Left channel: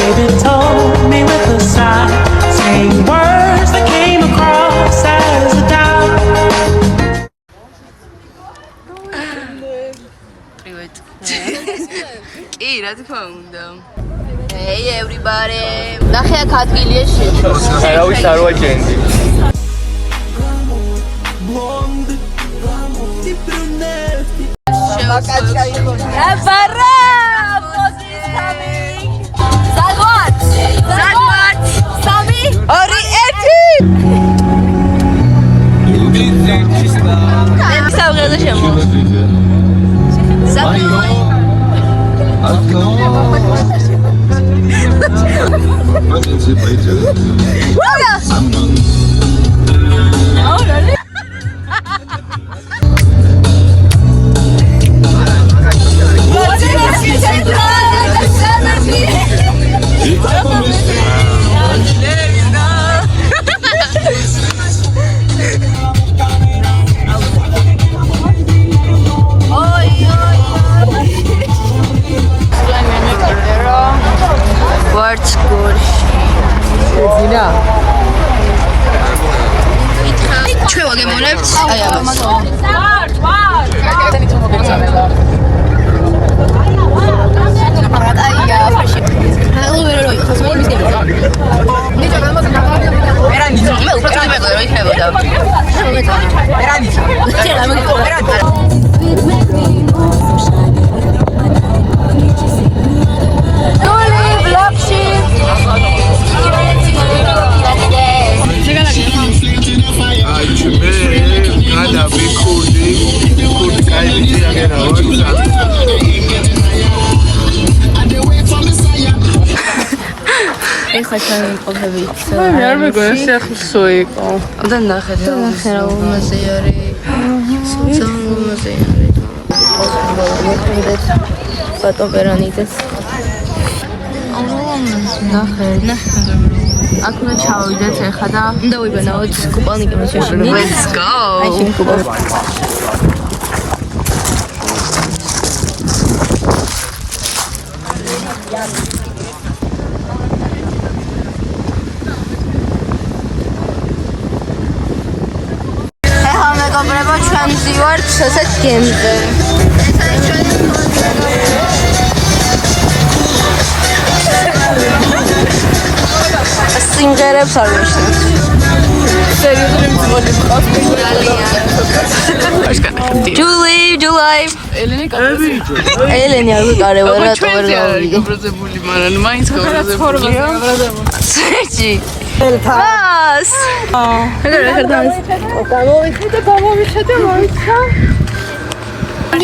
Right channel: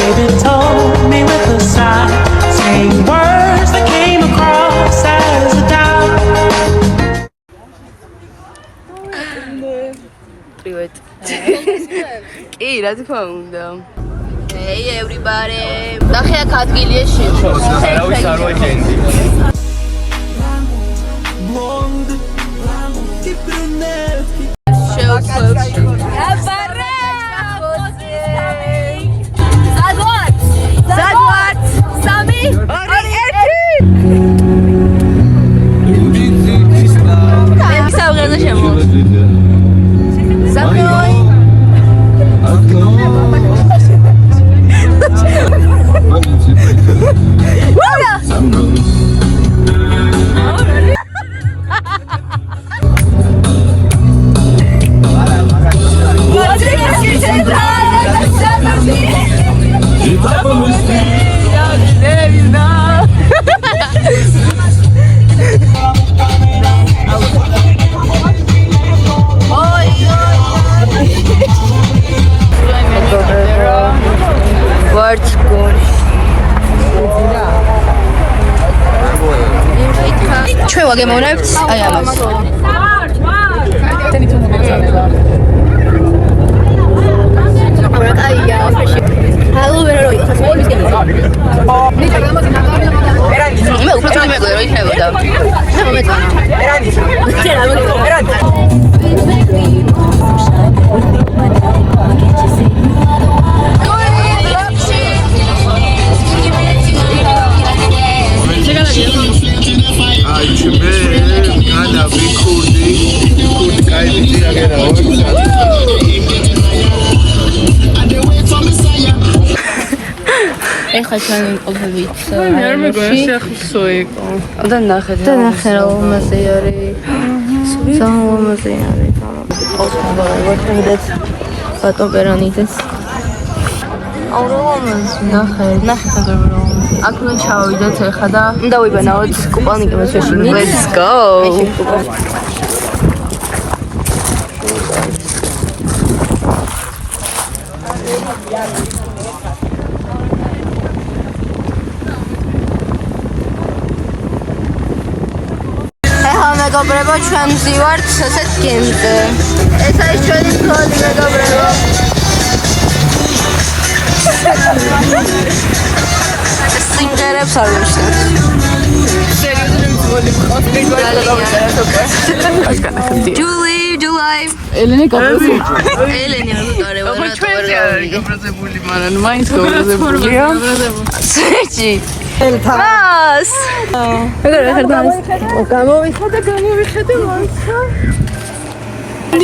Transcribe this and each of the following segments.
baby told me with a sigh, saying words that came across as a doubt. Привет. Эй, რა თქმა უნდა. Hey everybody. ნახე აქ ადგილია შიში. არავის არ ვაჭენდი. Blonde, ti brunetti. What's good? Čo je moravc? ეხლა ჩვენ ვიმყოფებით არამებში. და ნახეთ რა მასე არის. სამოზე. ფოტოპერანიდეს. ნახეთ. აქვე ჩავიდეთ ეხლა და დავიბანავთ კუპონი გიმშეში. Let's go. მეგობრებო, ჩვენ ვივართ ესეთ გემზე. ეს არის ჩვენი სკოლა, მეგობრებო. სინგერებს არ ვეშოთ. July. Eleni არ ვიყარებ რა. ჩვენზე არის გაბრაზებული, მაგრამ მაინც გაბრაზებულია. სეჭი. მას.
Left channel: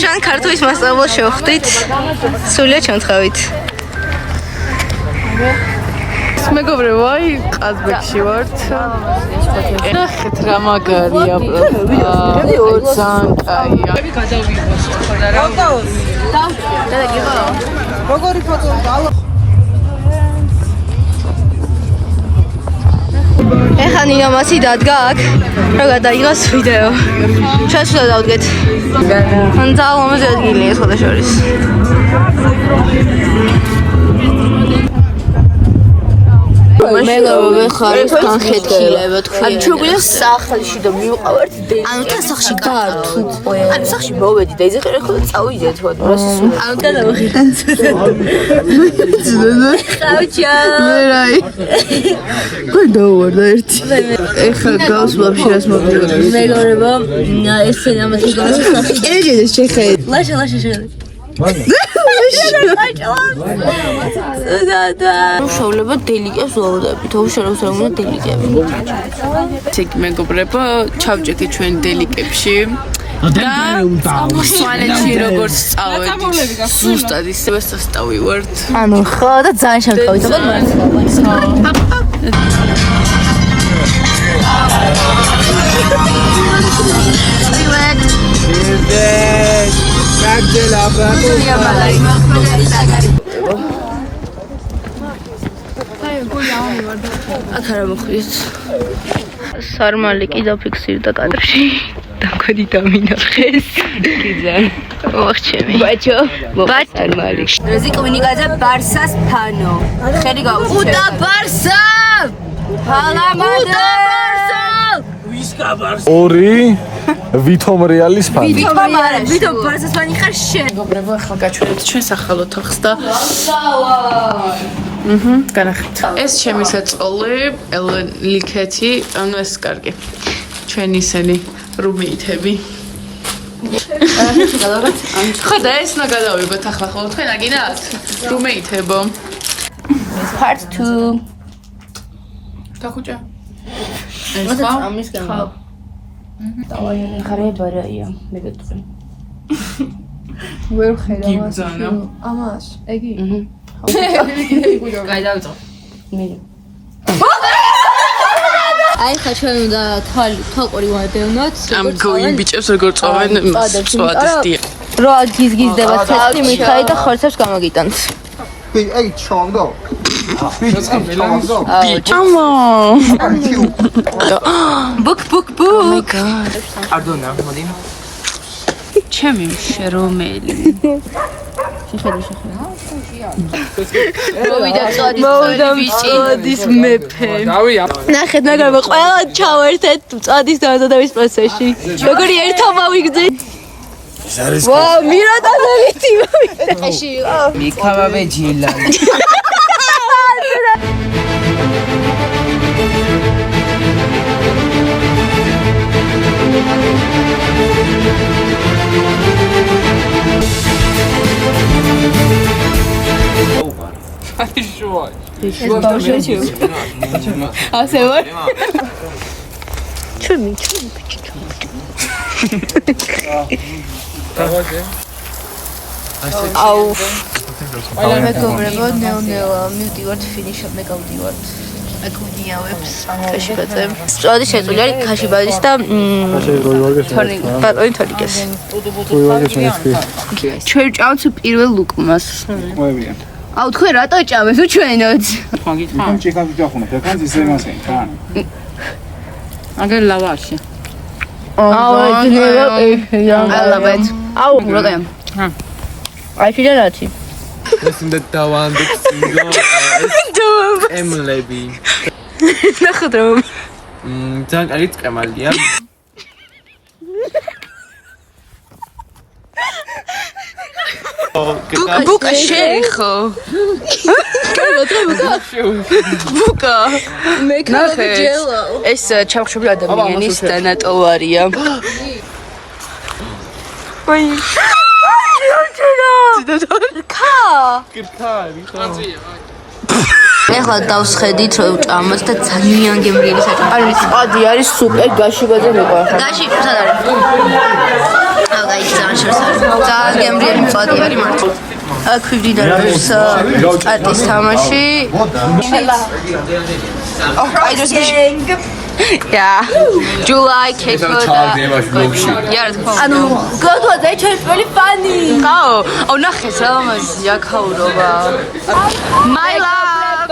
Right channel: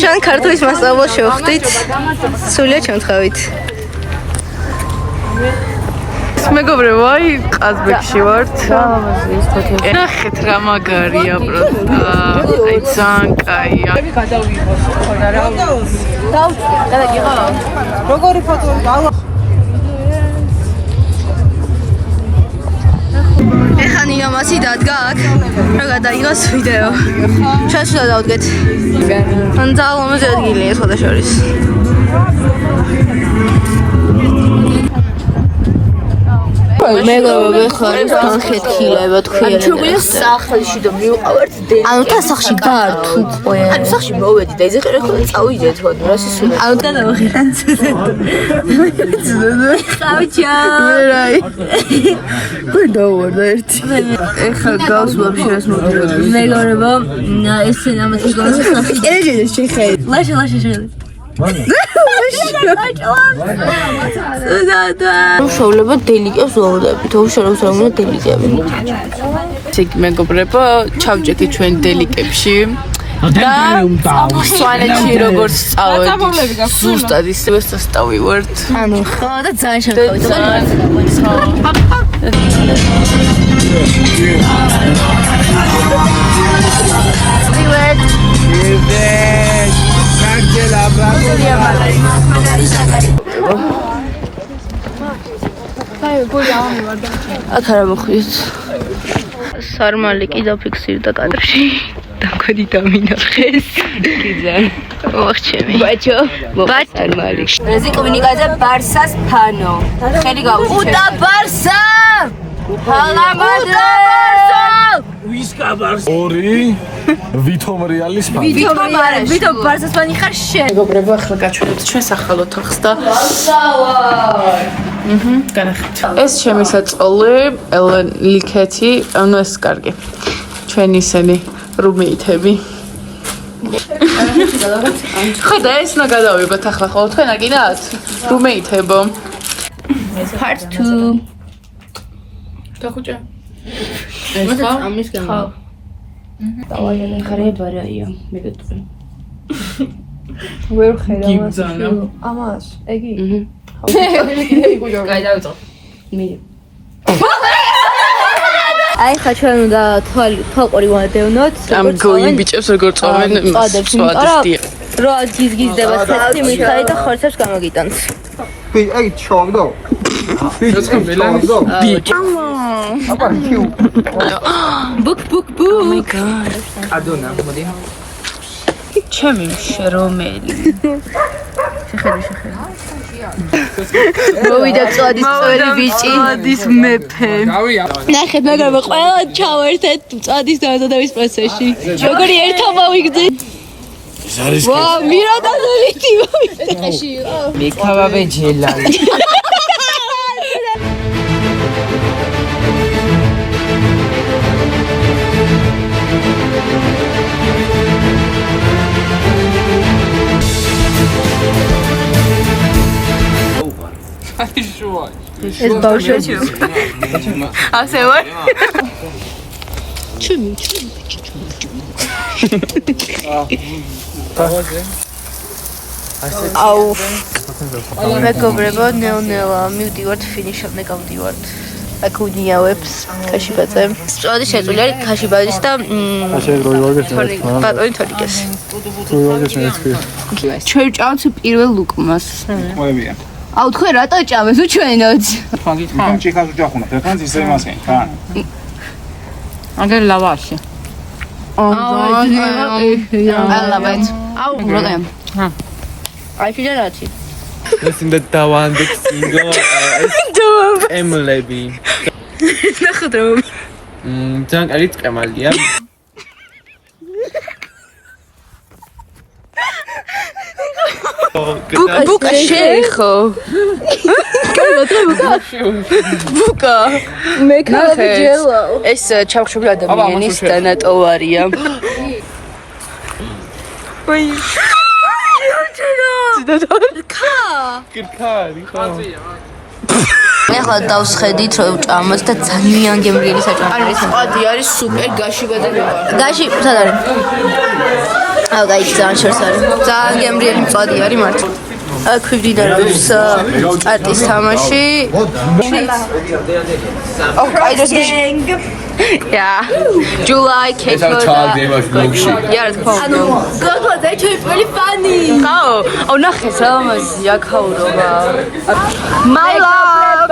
ჩვენ ქართულის მასწავლებლად შევხვდით. სულია ჩამთხავით. მეგობრებო, აი ყაზბეგში ვართ. ნახეთ რა მაგარია პროსტა. აი ძალიან კაია. როგორი ფოტო? ეხლა ნინამაცი დადგა აქ, რომ გადაიღოს ვიდეო. ჩვენ სულ დავდგეთ. ან ძალიან ლამაზი ადგილია სხვადასხვა. მეგობრებო, ხარის განხეთქილება თქვენ. ანუ ჩვენ გვია სახლში და მივყავართ დედა. ანუ თა სახლში გართვით. ანუ სახლში მოვედი და ეზეყერა ხო წავიდეთ ხო რა სულ. ანუ და დავხიდან. ხავჭა. რაი. ხო დავარ ერთი. ეხლა გავს ვაფშე რას მოგწოდებს. მეგობრებო, ესე ამათი გონსა სახლში. ერეგეdes შეხედე. ლაშა შეხედე. შოვლებად დელიკებს ვაუდებით, უშუალოდ რა უნდა დელიკები. ეგ მეგობრებო, ჩავჭექი ჩვენ დელიკებში და სვანეთში როგორც წავედი. ზუსტად ისევე სასტავივართ. ანუ ხო და ძალიან შემთხვევით. Привет. აქ არა მოხვიეთ. სარმალი კი დაფიქსირდა კადრში. და ქვედი დამინახეს. კი ძალიან. მოხჩები. ბაჩო. ბატონი. რეზი კომინიკაზე ბარსას ფანო. ხელი გაუწი. უდა ბარსა! ფანაბადე! ორი ვითომ რეალის ფანი. ვითომ ბარსას ფანი ხარ შენ. მეგობრებო, ახლა გაჩვენებთ ჩვენს ახალ ოთახს და განახეთ. ეს ჩემი საწყობლი, ელენ ლიქეთი, ანუ ეს კარგი. ჩვენი ისენი რუმეითები. ხო და ეს უნდა გადავიღოთ ახლა ხო თქვენ აგინათ? რუმეითებო. Part 2. დახუჭა. ეს ხო? ამის გამო. დავაიარე ხარე ბარაია, მეგეთქვი. ვერ ხედავ. გიბძანა. ამას, ეგი. გაიდავიწო. აი ხა ჩვენ უნდა თვალყური ვადევნოთ. ამ გოინ ბიჭებს როგორ წავენ სვადისტი. რო გიზგიზდება ცეცხლი მიხარი და ხორცებს გამოგიტანს. Ei, chongdo. Chongdo. ამა. ბუკ. Oh my god. ჩემი რომელი. მოვიდამწოდის მეფე. ნახეთ მეგობრებო, ყველა ჩავერთეთ წადის დამზადების პროცესში. როგორი ერთობა ვიგზით? ვაუ, მირატანელი ტიმი. Mikava vejelali. ასე ვარ? ჩემი. აუ. მეგობრებო, ნელა, მივდივართ ფინიშამდე გავდივართ. აკუჯინავებს ქაშიბაძე. სწორად შეწული არის ქაშიბაძის და ბატონი თორიკეს. ჩვენ ჭამთ პირველ ლუკმას. Moebie. აუ თქვენ რატო ჭამეთ უჩვენოთ? Am checat tu acum, te can zis mai sen, can. Angel lavashi. I love it. აუ როგორია? აი შეიძლება ეს უნდა დავანდოთ სინგლ ემლები. ნახოთ რომ ძალიან კარგი წკემალია. ბუკა შეიხო. ბუკა. ნახეთ. ეს ჩავხშობილ ადამიანის დანატოვარია. ვაი. კირქარი ხო? ეხლა დავსხედით ჭამას და ძალიან გემრიელი საჭმელი. ადი არის სუპერ გაშიბაძე მეყარს. გაში თან არის. აუ გაიჩ ძალიან შორს არის. ძალიან გემრიელი მწვადი არის მართლა. აქვიბდიდარებს სტარტის თამაში. ო, კაიდოს Yeah. July Keto. Yeah, it's called. გოგოზე ჩვენ პირველი ფანი. Oh, ნახეს რა მაზია ქაურობა. My love.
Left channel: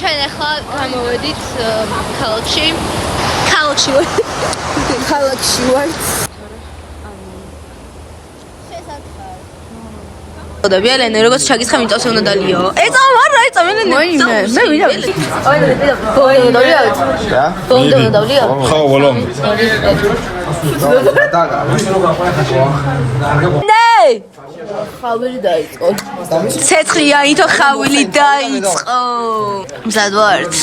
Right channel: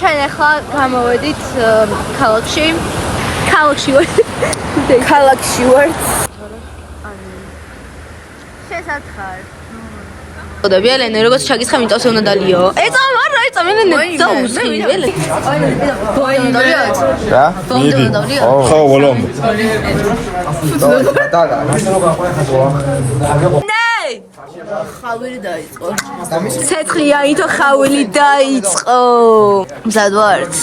ჩვენ ახლა გამოვედით ქალაქში. ქალაქში ვართ. და ბიალენე როგორც ჩაგიცხა მიწავს უნდა დალიო. ეცა არა, ეცა მე ვიდა. ოი, დავლიო. Ხო, ბოლო. ნეი! ხავილი დაიწყო. ცეცხლიანითო ხავილი დაიწყო. მზად ვართ?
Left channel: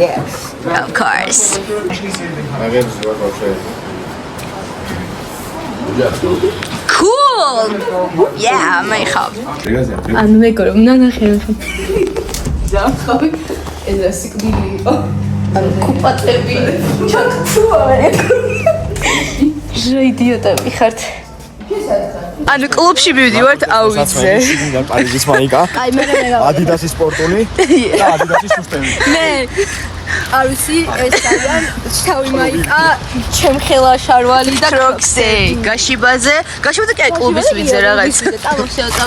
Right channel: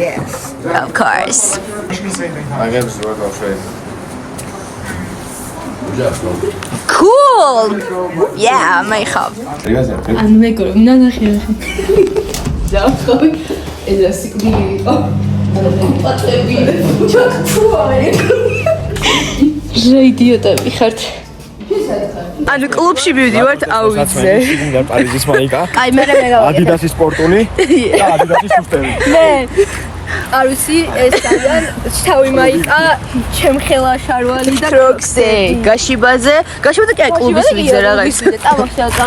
Yes. Of course. Cool. Yeah, my hub. ანუ მეგობრებო, ნახე. დავხავი. ეს რა სიკვდილი იყო. ანუ კუპატები. ჩაქცუა. იდიოტები ხართ. ანუ კლუბში მივდივართ აუიძე. პარიზის მაიკა. ადიდასის სპორტული და ადიდასის სუსტები. მე არუსი ეს ძალიან თავი მაიკა ჩემხელა შარვალი და Crocs-ი, გაშიბაძე კი კლუბის ვიძე რაღაც.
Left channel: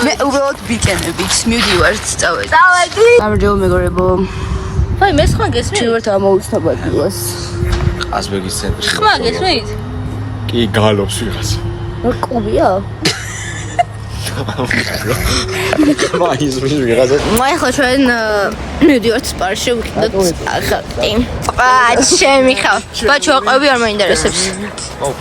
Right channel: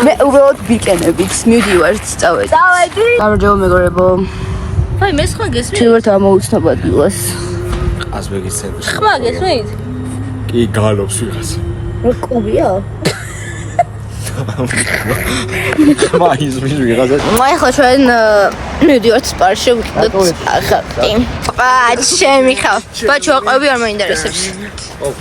მე უბრალოდ ვიკენებით მივდივართ წავედი. გამარჯობა მეგობრებო. ვაი მე სხვა გესმით? ჩევართ ამოუცნობა დილას. ყაზბეგის ცენტრი. ხმა გესმით? კი გალობს ვიღაც. კლუბია? ახლა ჩვენ მივდივართ სპარში ვიყიდოთ ახალტი. ჩემი ხავ. ბაჩო აყვები არ მაინტერესებს.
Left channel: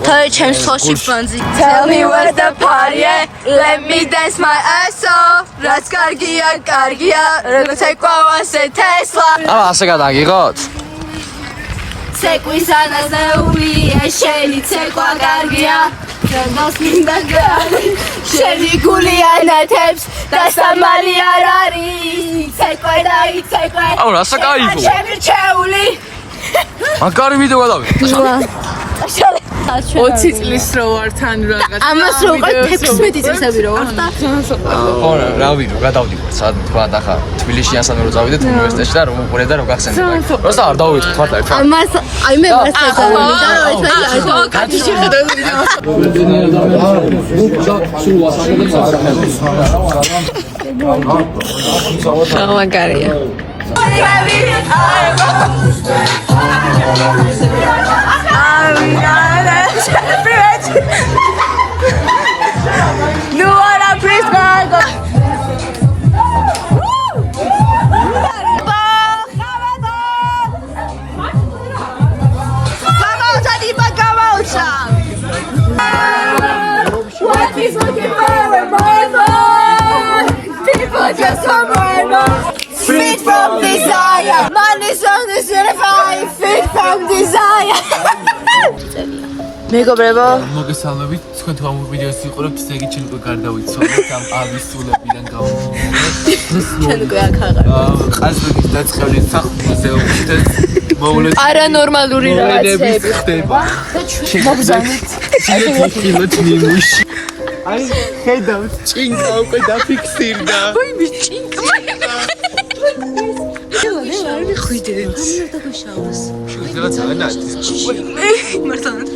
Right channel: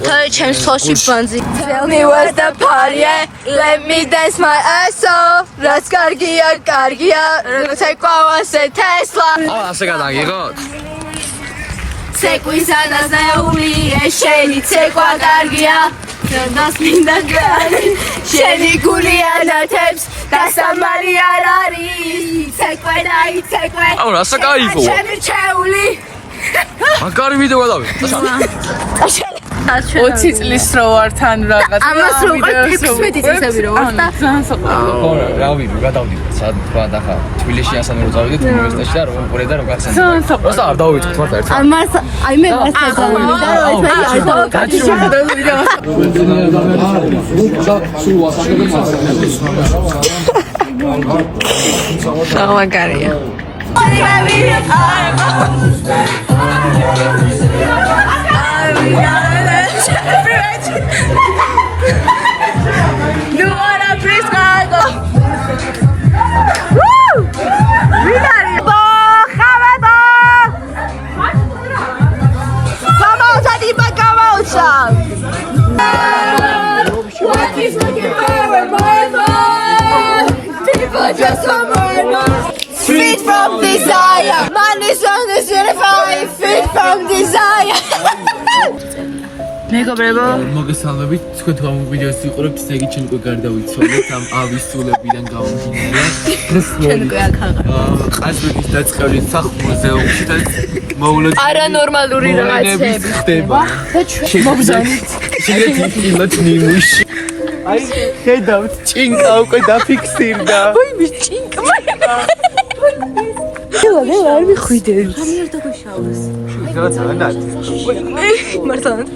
Tell ჩემს თოში ბანძი. Tell me where's the party at? Let me dance my ass off. რაც კარგია, კარგია. როგორც ეკვავას Tesla. ასე გადაგიღოთ? ცეკვის ანაზეული, შენი ცეკვა კარგია. That's me that guy. შენი გული ანათებს და სამალი არ არის. ცეკვა და ცეკვა. აუ რასა кайფო. ჩემი ჩეული. მაგარი ვიდეო გადავიდე. 20 წლის რო ვარ თან რაღაც. ამას რო უკვე 16 წლები რო ვარ და რა ვიდეო გადავდივარ სად თქვა ახლა თბილისში ასან რო წავიდეთ უნივერსიტეტში და რომ უყურე და რომ გახსენდეთ. просто არ დავიწყოთ ხარ და ამას აი მე ვარ საჯარი. ხო, გაგიჭირდა ვიდეო. გამაგარია. You wanna please go? Woo! What is looking for more? People just want more. Feed from desire. Man is on the certified. Feed from desire. მეგობრებო, მოგესალმებით, თქვენ თუ ამ ვიდეოს იყურებთ, ესე იგი ჩემი გარდავიცვალეთ ამ ავის სულებიდან გამომდინარე. ყაზების დაწყევლის მუზეუმში და მოვლეთ არანორმალური რაღაცები ხდება. მოგზავნით. შეიძლება იყილოთ მიმუში. აი, ხედავთ, ჭინკა უკვე დაფიქსირდა. ვაი, მის ჭინკა. მე არ მიხვიდეთ. რაღაც ანათი. მართლაც.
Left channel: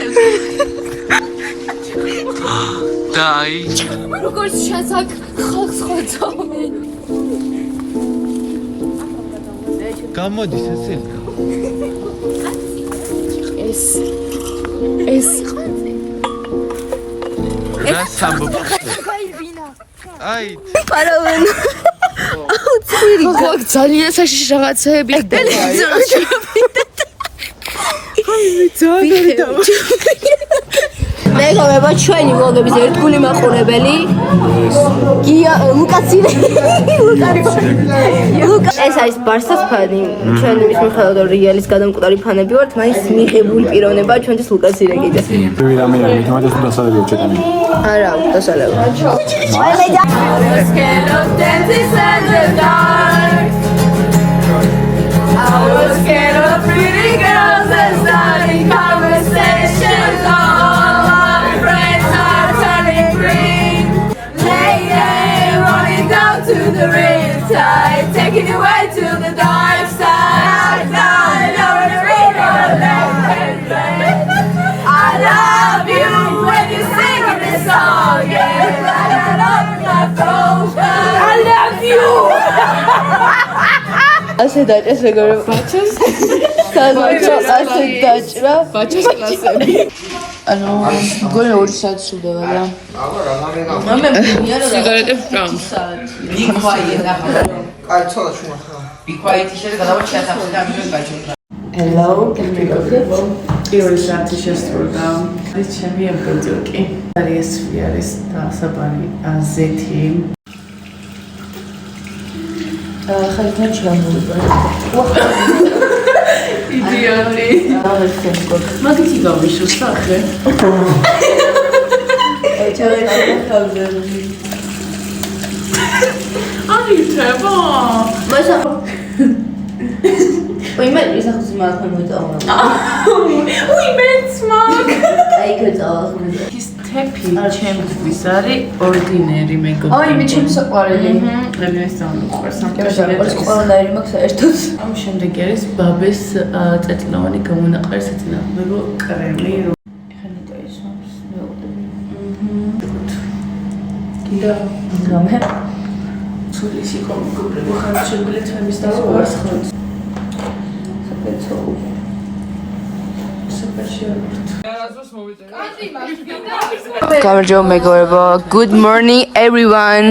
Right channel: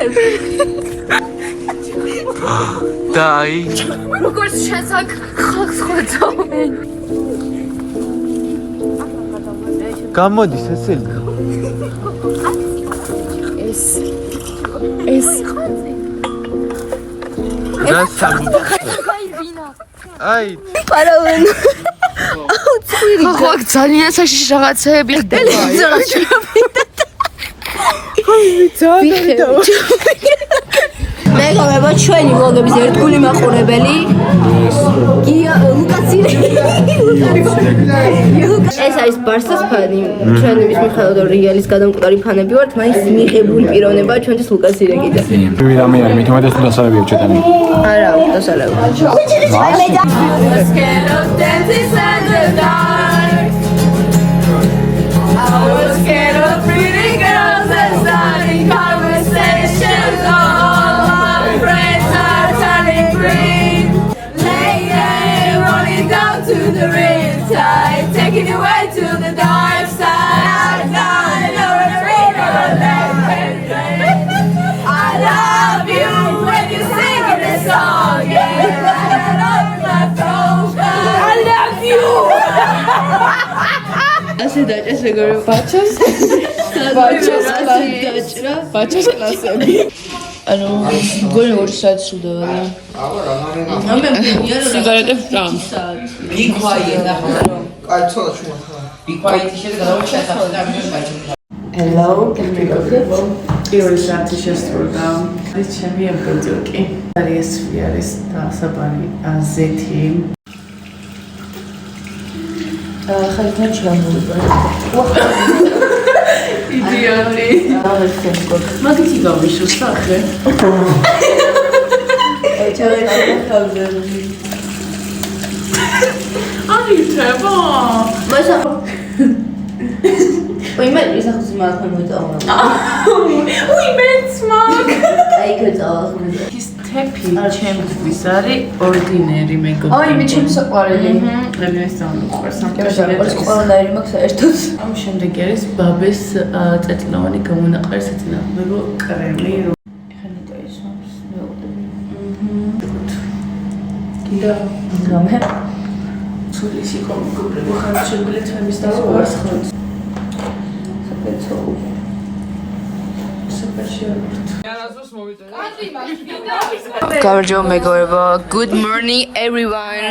დაი. როგორც შესაკ ხალხს ხვეწობე. გამოდის ესე. ეს რა სამბ. აი. პარავენ. აუ, წვირი. ხო, ძალიან საშიში რაღაცეები. მეგობრებო, ჩვენი ვლოგების ერთგული მაყურებელი გია ლუკაცინი. ეს არის ბარსას ფანი. ჩვენ იმის მიხედავთ რომ რეალის გადამკვდარი ფანები ვართ, მაინც მიღებული პიროვნება ჩვენთვის ლუკაცინი კიდე. მე მითუმეტეს დასალები ჩეტანი. არა, დასალები. I was scared of pretty girls and starting conversations. All my friends are turning green. Lady, rolling down to the riptide, taking you away to the dark side. Now you're a I love you when you sing this song. Yeah. I love you. ასე დაჭეს მეგობრებო ბაჩოს ბაჩოს ასე დაჭრა ბაჩოს კლასები ანუ გონე 2 საათი სულდება და ამე სიგარეტებს ბრამს Hello, can we go to პირველი საათი შესრულდა. ეს ჩემი ემბედიოკი. არის ვიარის დასაბანი ზეთი. ხალხმა ჩამოვიდა. იდეალი. მაგით გავიშო სახე. აი treba. მასა ой, მე ის ახლა მაგ მოიწავა. უი მეც მაგ. აი გეწავა. ის თეფი ჩემთვის არის ორდინერი მეგობრებო. აი მე ჩემს საყვარელი. მე ესწავლე უყურს ამ ყველანაირი მაქვს საერთოდ. ამ შემდეგ არის ბაბეს წეთლოვანი გამონაყარი საწინააღმდეგო კრემი. ეხლა ნეტა ისვამს მეუღლები. კიდე გამე. ცულის იყო მეგობრებო ხარჯებული თემის და ვარს ხოთ. საპეცო. საპეჩიორთ. გამარჯობა მეგობრებო. Good morning everyone.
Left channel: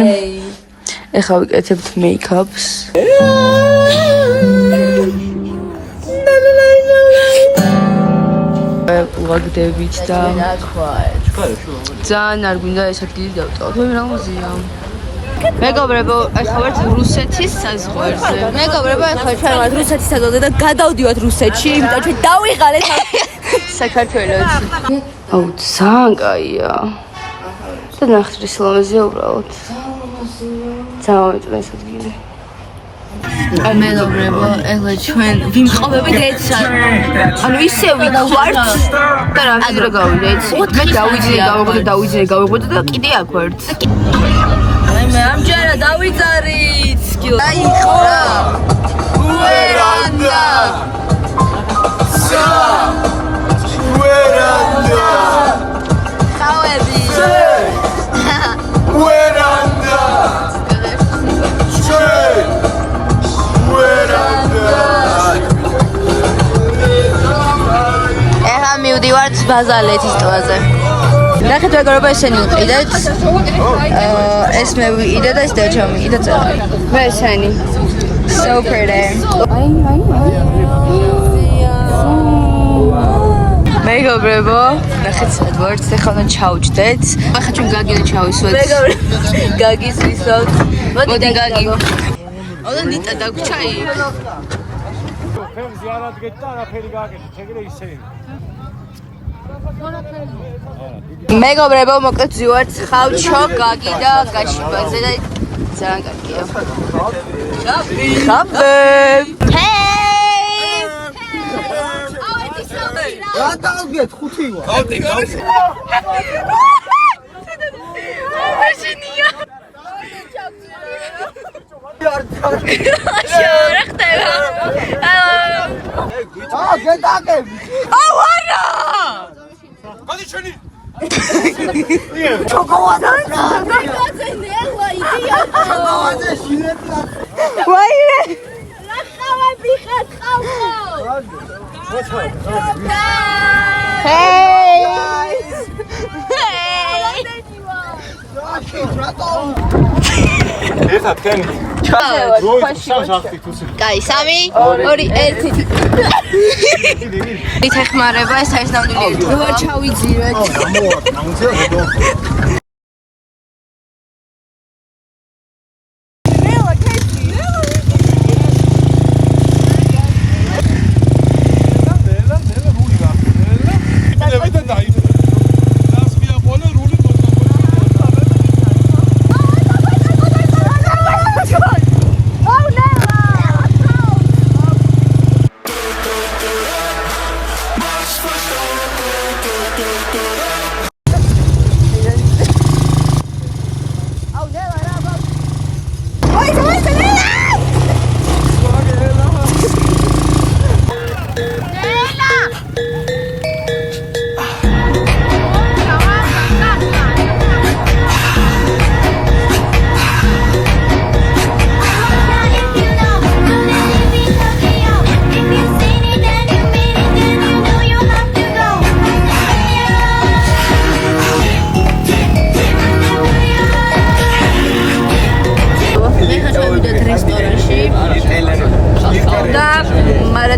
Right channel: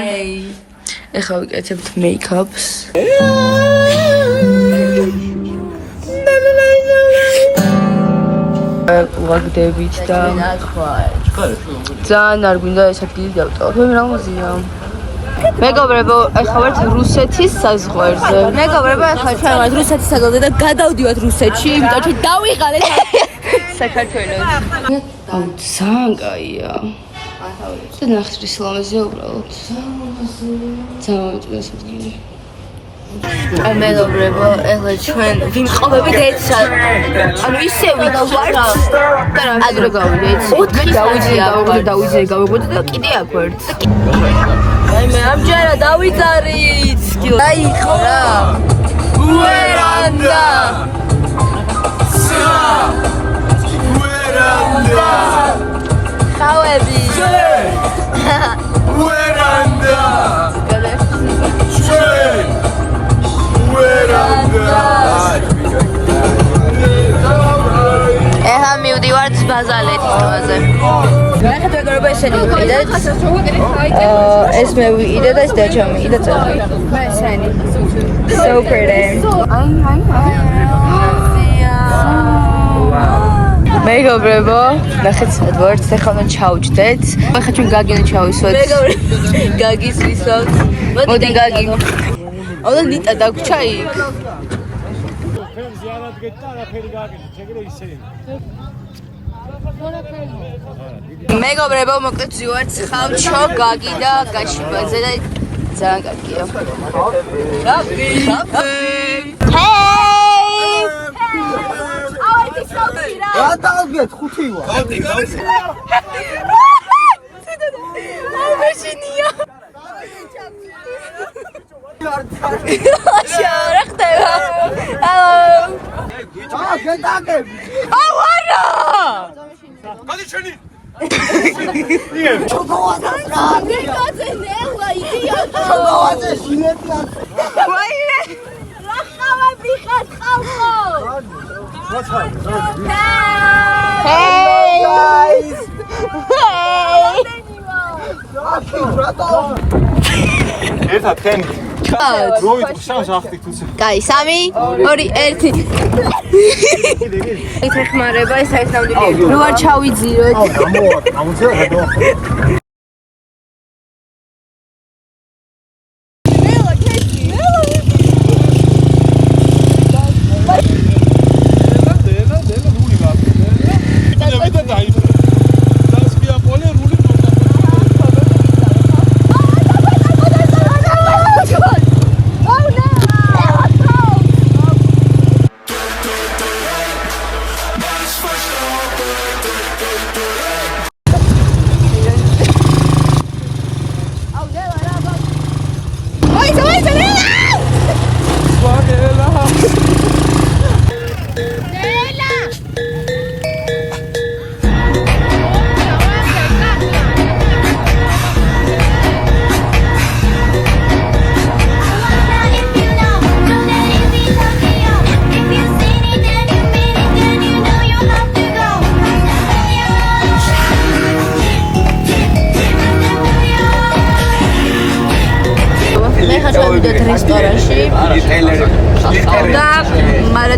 ეხლა ვიკეთებთ make-ups. ვაგდებით და ძალიან არ გვინდა ეს ადგილი დავწავოთ. მე რა მოზია? მეგობრებო, ეხლა ვართ რუსეთის საზღვარზე. მეგობრებო, ეხლა ჩვენ ვართ რუსეთის საზღვარზე და გადავდივართ რუსეთში, იმიტომ ჩვენ დავიღალეთ საქართველოში. აუ, ძალიან კაია. და ნახეთ რა სილამაზეა უბრალოდ. ძალიან მეტყველია ეს ადგილი. მეგობრებო, ეხლა ჩვენ ვიმყოფებით ერთსა. ანუ ისე ვიქვართ და რამდენადრე გავიდეთ. მე დავიძინე და კიდე აქ ვართ. მე ამჯერად დავიძარით. აი ხრა. ვერანდა. ვერანდა. ხავები. ვერანდა. ეხლა მივდივართ ბაზალეთის ტბაზე. ნახეთ მეგობრებო, ესენი ვიყიდეთ. ეს მე ვიყიდე და ეს დეჩა მიიყიდა წერა. მე ესენი. So pretty. მეგობრებო, ნახეთ სად ვართ, ეხლა უნდა ჩავჯდეთ. ახლა ჩვენ გაგინა ჩავისვათ. მეგობრებო, გაგის ვისვათ. მოდი გაგი. აუდა ნიტა დაგვრჩა იქ. მეგობრებო, მოკლედ ვივართ ხავჩო, გაგი და გაშიბაძე და ძალიან კარგია. შაბი. ჰეი! რა დავგეთ ხუთი ვარ. მაშინია. რა ხდება? გეტაკები. აუარა! გადი ჩვენი. ჩოკოლადა. გასაზე ნელა იდეა. ჩოკოლადა შინეტია. ვაიმე. რა ხავები ხარ ხავო? Hey guys! Hey! Erta teni. Guys, Sami, ორი ერთი. ითეხმარება ეს არის ნამდვილი. ნუ არ ჩავიძიროთ.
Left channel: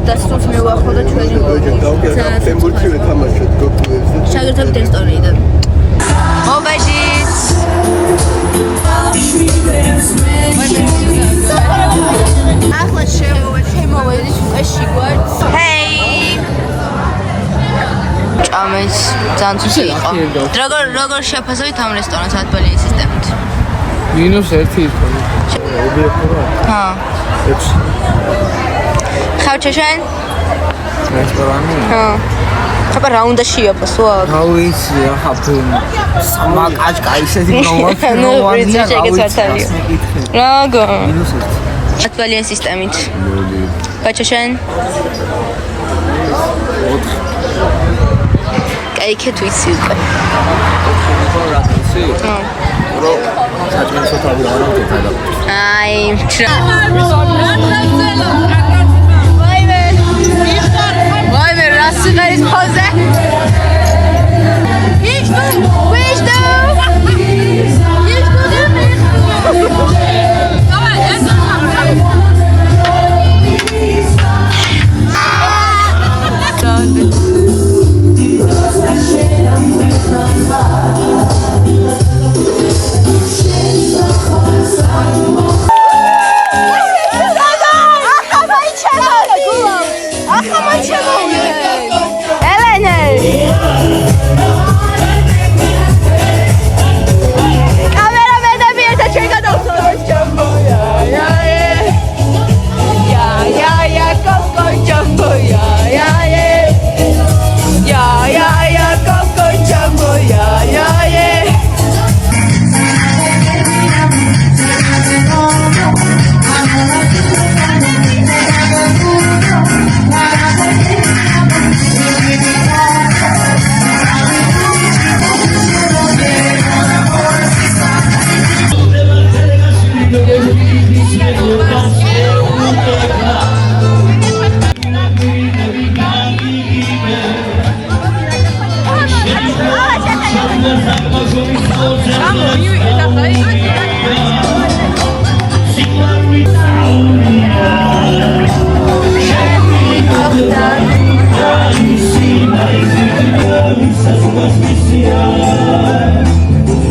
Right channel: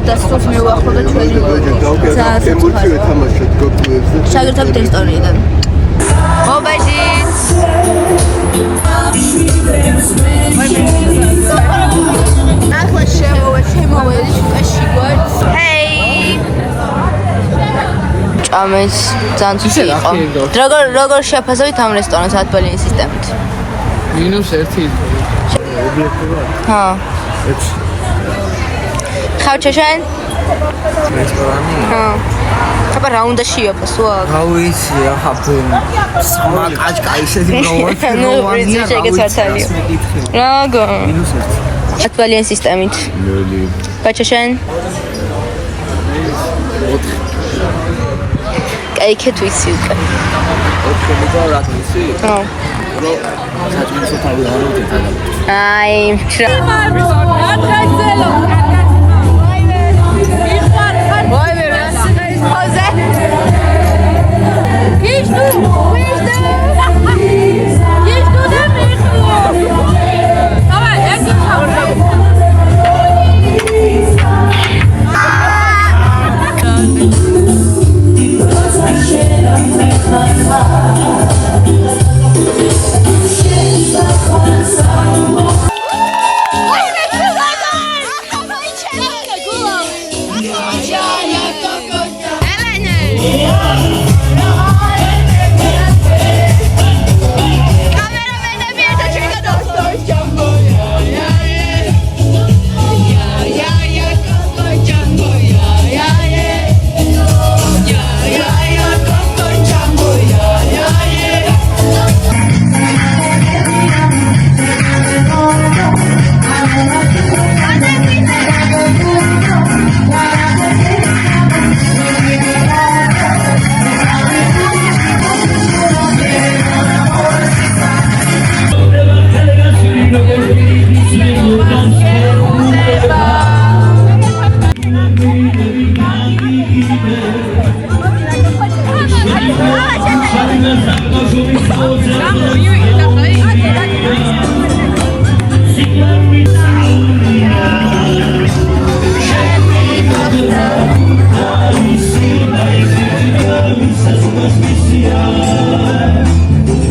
დასწროს მე ვახვალ და ჩვენი შაგირდები რესტორანიდან. მობაჟიც. ახლა შემოვედი შუქაში გვართ. ჰეი. ჭამეს ძალიან ცუდი იყო. როგორ შეაფასებთ ამ რესტორანს ათბალიანი სისტემით? -1 იყო. ობიექტურად? ჰა. 6. ხავჩაშენ? რესტორანი? ჰა. აბა რა უნდა შეაფასო? რა ვიცი, ახლა სამაკაჭკა ისეთი რა გო? ათბალიანი სისტემით. ხავჩაშენ? 4. კაიქეთ ვიცი უკვე. ჰა. საჭმელს თავი ავარავთ და აი, ვაიმე, რა სიმღერის ფოზე?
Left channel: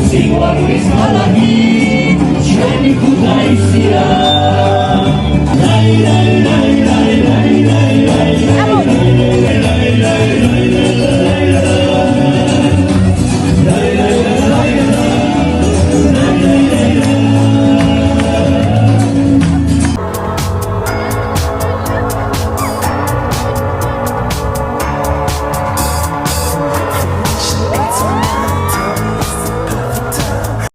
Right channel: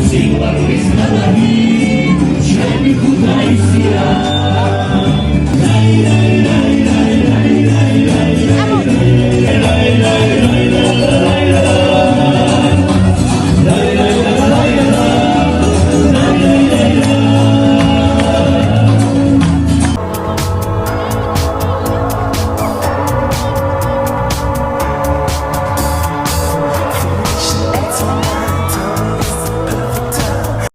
See what is